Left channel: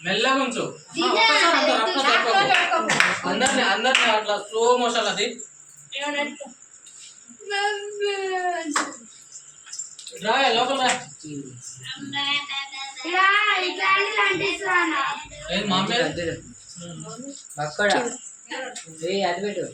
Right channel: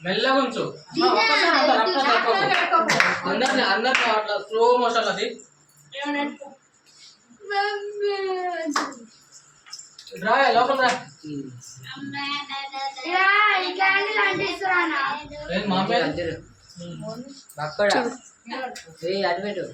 మెల్లగా ఉంచు అందరిని అట్లా స్లో మోషన్ అది రా లోపల అక్కడ అది పెట్టు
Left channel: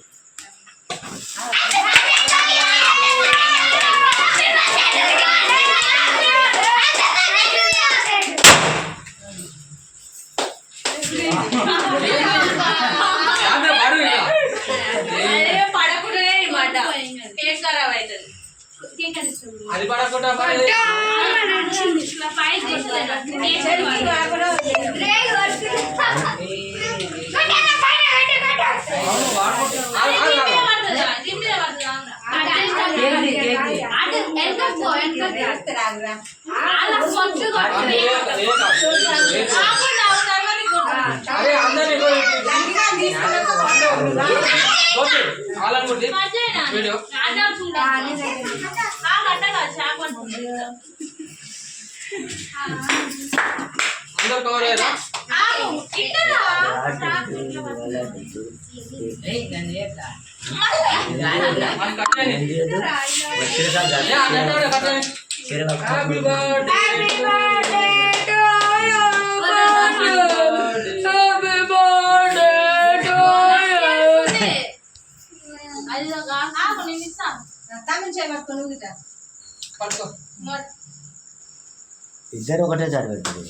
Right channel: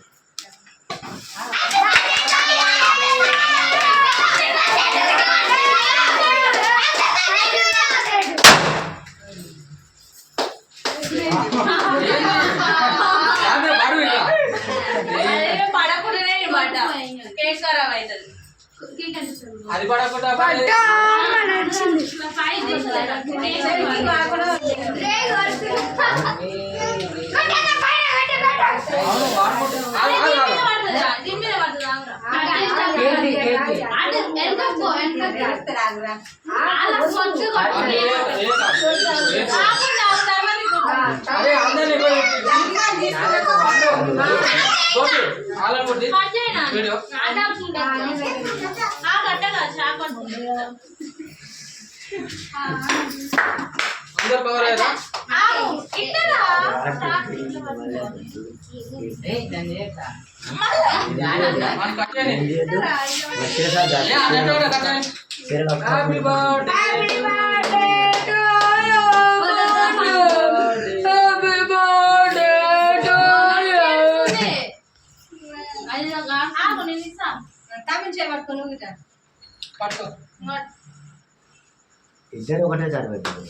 అది పడకుండా అరే అందరినీ వీడియో అందరు పోలేదా హ్యాపీ బర్త్డే ఇద్దరు ఒకటే సారి పెట్టారు